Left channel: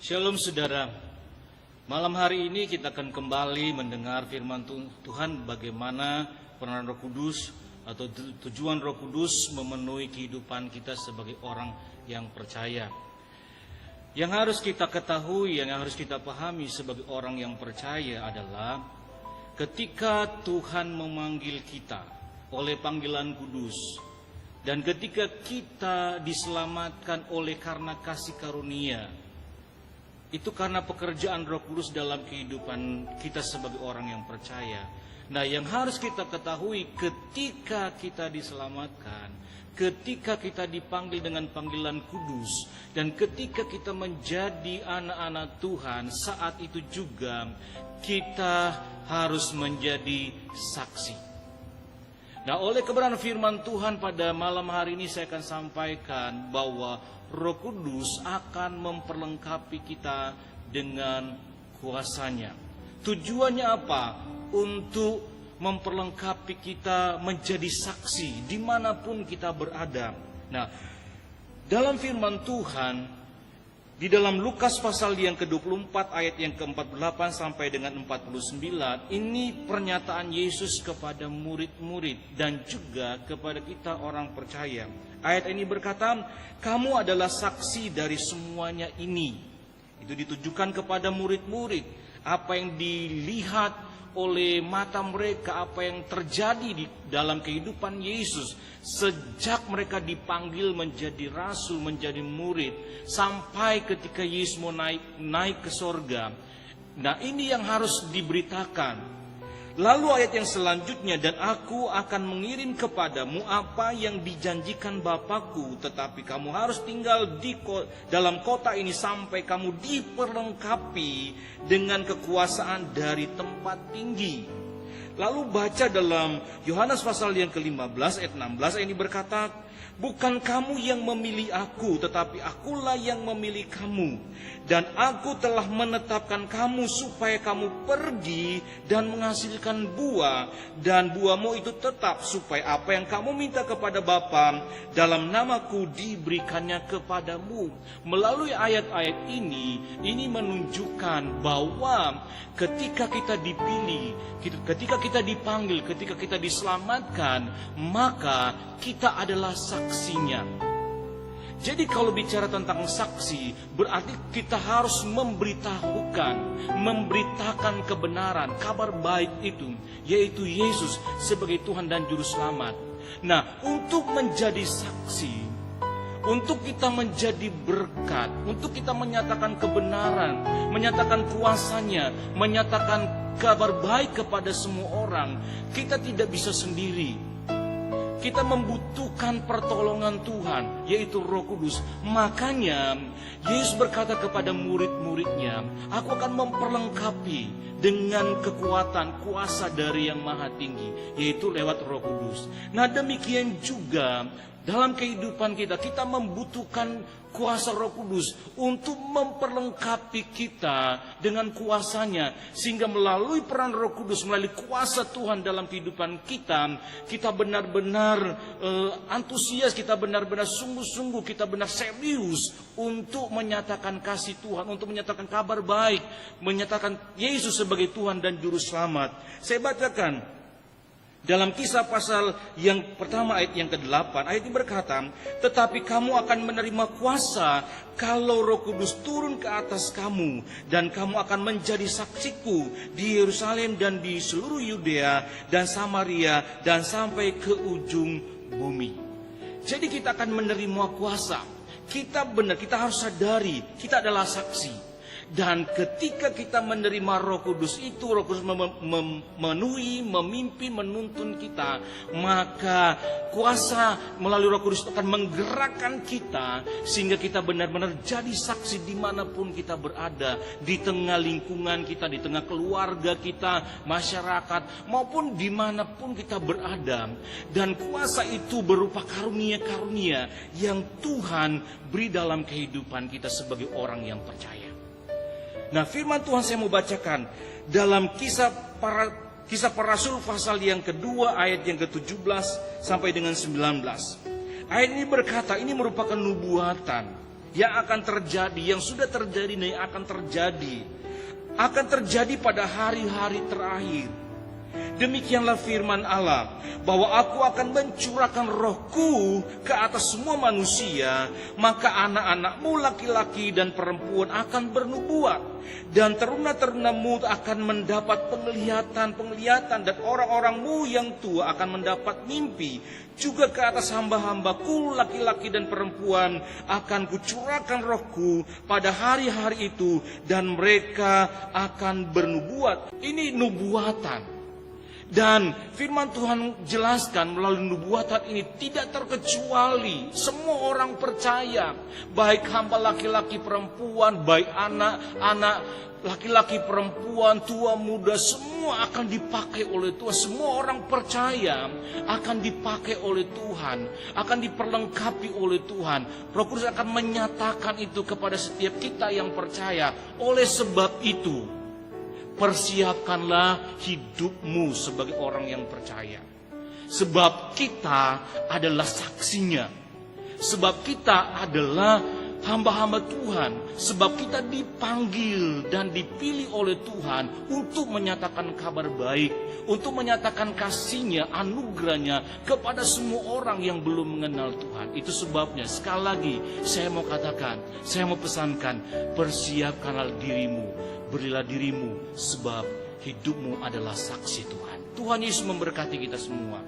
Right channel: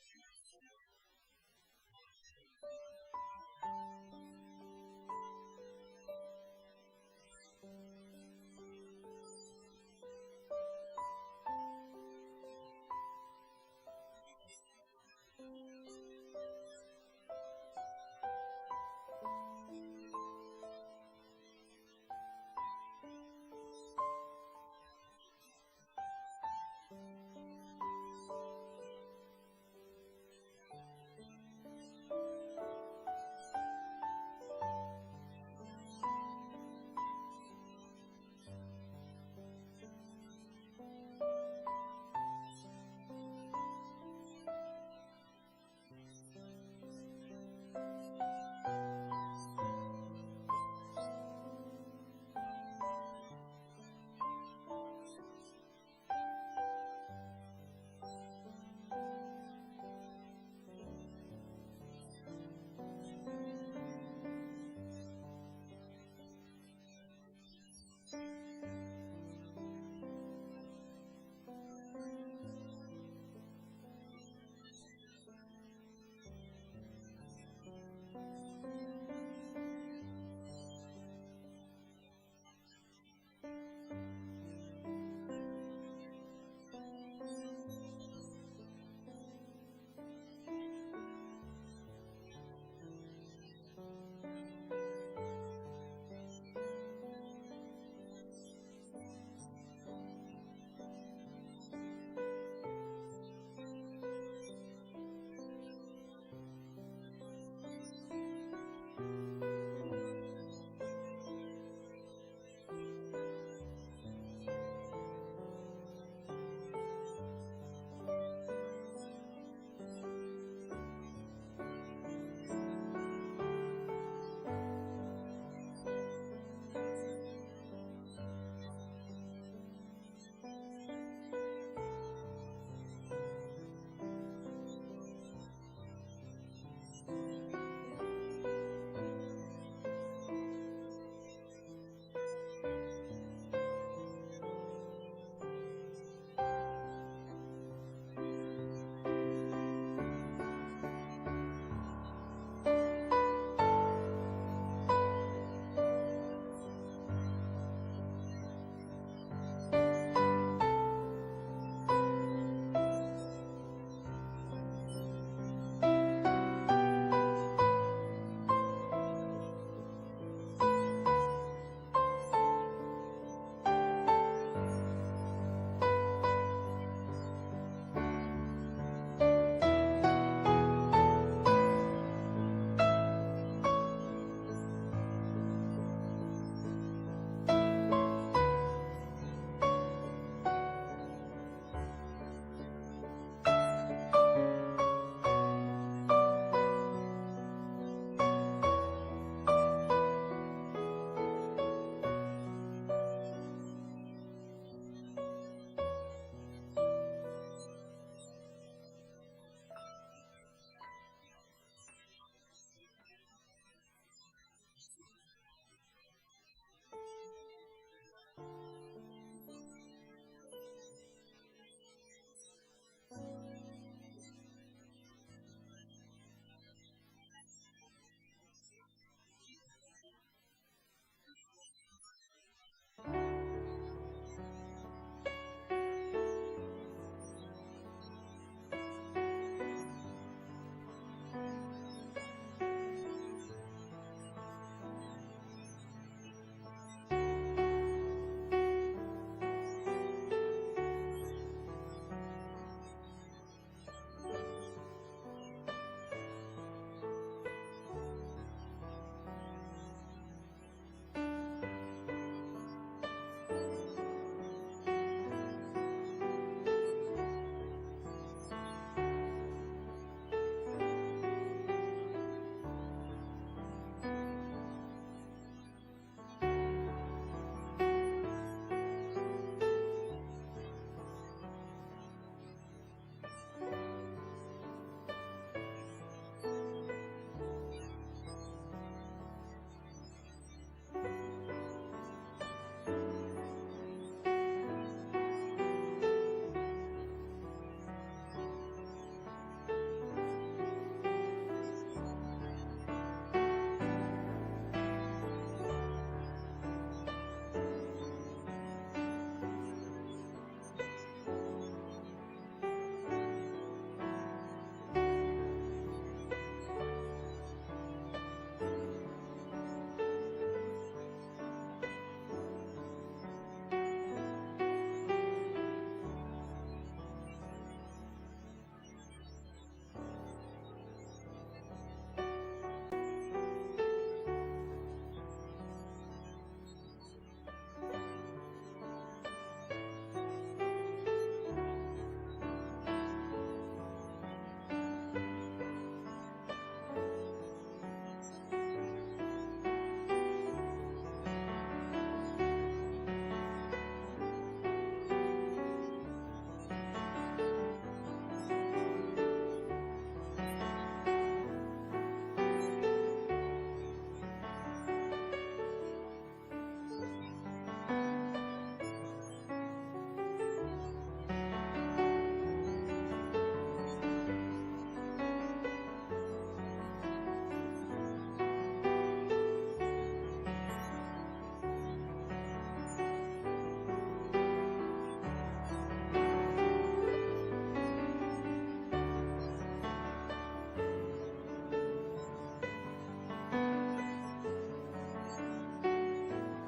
Shalom saudara, malam hari ini kita akan kembali mendengar firman Tuhan bagaimana peran Roh Kudus atau tujuan Roh Kudus memenuhi kehidupan kita sebagai orang yang percaya. Yang harus kita ketahui, yang harus kita pahami sebagai orang yang percaya adalah ketika Tuhan memanggil kita oleh panggilan kudus dan ketika kita diselamatkan oleh karena kasih karunia, itu karena pekerjaan Roh Kudus dalam kehidupan kita sebagai orang yang percaya. Nah, yang harus kita ketahui ketika kita diselamatkan, ketika kita dipanggil dengan panggilan kudus, dan ketika kita menjadi anak-anak Tuhan, saat itu juga kita harus menjadi saksi. Nah, oleh kebenaran firman Tuhan pada malam hari ini saya akan sampaikan bahwa Roh Kudus akan memperlengkapi kita dengan kuasanya. Tujuannya apa? Untuk memperlengkapi kita menjadi saksi dimanapun kita berada. Nah, dalam firman Tuhan di dalam Lukas pasal yang ke-24 ayat yang ke-48 sampai dengan 49, ini pernyataan Yesus kepada murid-murid dan juga kepada kita orang percaya. Ayat ini berkata, kamu adalah saksi dari semuanya ini. Itu ditujukan kepada murid-murid. Apa yang dilihat oleh mata mereka, apa yang terjadi di dalam kehidupan Yesus sejak mereka dipanggil menjadi rasul, menjadi murid, sampai ketika Yesus mau naik ke sorga. Nah, ini yang harus diberitakan. Lalu ayat yang selanjutnya, dan aku akan mengirim kepadamu apa yang dijanjikan Bapakku, tetapi kamu harus tinggal dalam kota ini sampai kamu diperlengkapi dengan kekuasaan dari tempat tinggi. Lalu baca dalam Yohanes pasal yang ke-15 ayat 16, ini berkata, bukan kamu yang memilih aku, tetapi akulah yang memilih kamu. Dan aku telah menetapkan kamu supaya kamu pergi dan menghasilkan buah. Dan buahmu itu tetap, supaya apa yang kamu minta kepada Bapa dalam namaku diberikannya kepadamu. Melalui ayat-ayat ini menunjukkan bahwa ketika kita dipilih, ketika kita dipanggil, ketika kita diselamatkan, maka kita adalah saksinya. Jadi kalau bicara tentang saksi, berarti kita harus memberitakan kebenaran, kabar baik itu, yaitu Yesus sebagai Tuhan dan Juru Selamat. Nah, untuk menjadi saksi, untuk kita menjadi berkat, untuk kita menyatakan kebenaran, menyatakan kuasanya, menyatakan kabar baik kepada semua orang, kita tidak bisa sendiri. Kita membutuhkan pertolongan Tuhan, yaitu Roh Kudus. Makanya Yesus berkata kepada murid-muridnya, aku akan memperlengkapi dengan kekuatan kuasa dari yang maha tinggi, yaitu lewat Roh Kudus. Nah, demikian juga dalam kehidupan kita membutuhkan kuasa Roh Kudus untuk memperlengkapi kita dengan kuasanya, sehingga melalui peran Roh Kudus, melalui kuasa Tuhan dalam kehidupan kita benar-benar antusias, kita benar-benar sungguh-sungguh, kita benar serius untuk menyatakan kasih Tuhan, untuk menyatakan kabar baik, menyatakan Yesus sebagai Tuhan dan Juru Selamat. Saya bacakan dalam Kisah pasal yang pertama ayat yang ke-8, ayat ini berkata, tetapi kamu akan menerima kuasa kalau Roh Kudus turun ke atas kamu, dan kamu akan menjadi saksiku di Yerusalem dan di seluruh Yudea dan Samaria dan sampai ke ujung bumi. Jadi kita akan menerima kuasa. Kita harus sadari kita adalah saksi. Dan ketika kita menerima Roh Kudus itu, Roh Kudus memenuhi, memimpin, menuntun kita, maka kuasa melalui Roh Kudus akan menggerakkan kita sehingga kita benar-benar jadi saksi dimanapun kita berada, di tengah lingkungan kita, di tengah keluarga kita, masyarakat, maupun dimanapun kita berada. Dan kuasa itu berupa karunia-karunia yang Tuhan beri dalam kehidupan kita sebagai orang yang percaya. Nah, firman Tuhan saya mau bacakan dalam Kisah Para Rasul pasal yang kedua ayat yang ke-17 sampai dengan 19. Ayat ini berkata ini merupakan nubuatan yang akan terjadi, yang sudah terjadi dan yang akan terjadi. Akan terjadi pada hari-hari terakhir. Demikianlah firman Allah, bahwa aku akan mencurahkan rohku ke atas semua manusia, maka anak-anakmu laki-laki dan perempuan akan bernubuat, dan teruna-terunamu akan mendapat penglihatan, dan orang-orangmu yang tua akan mendapat mimpi. Juga ke atas hamba-hambaku laki-laki dan perempuan akan kucurahkan rohku pada hari-hari itu, dan mereka akan bernubuat. Ini nubuatan. Dan firman Tuhan jelaskan melalui nubuatan ini tidak terkecuali semua orang percaya, baik hamba laki-laki perempuan, baik anak-anak laki-laki perempuan, tua muda, semua akan dipakai oleh Tuhan. Semua orang percaya akan dipakai oleh Tuhan, akan diperlengkapi oleh Tuhan. Roh Kudus akan menyatakan itu kepada setiap kita yang percaya. Oleh sebab itu, persiapkanlah hidupmu sebagai orang yang percaya. Sebab kita adalah saksinya. Sebab kita adalah hamba-hamba Tuhan. Sebab kita dipanggil dan dipilih oleh Tuhan untuk menyatakan kabar baik, untuk menyatakan kasih-Nya, anugerah-Nya kepada semua orang yang belum mengenal Tuhan. Itu sebabnya sekali lagi saya mau katakan, saya mau pesankan, persiapkanlah dirimu, berilah dirimu, sebab hidupmu adalah saksi Tuhan. Tuhan Yesus memberkati kita semua.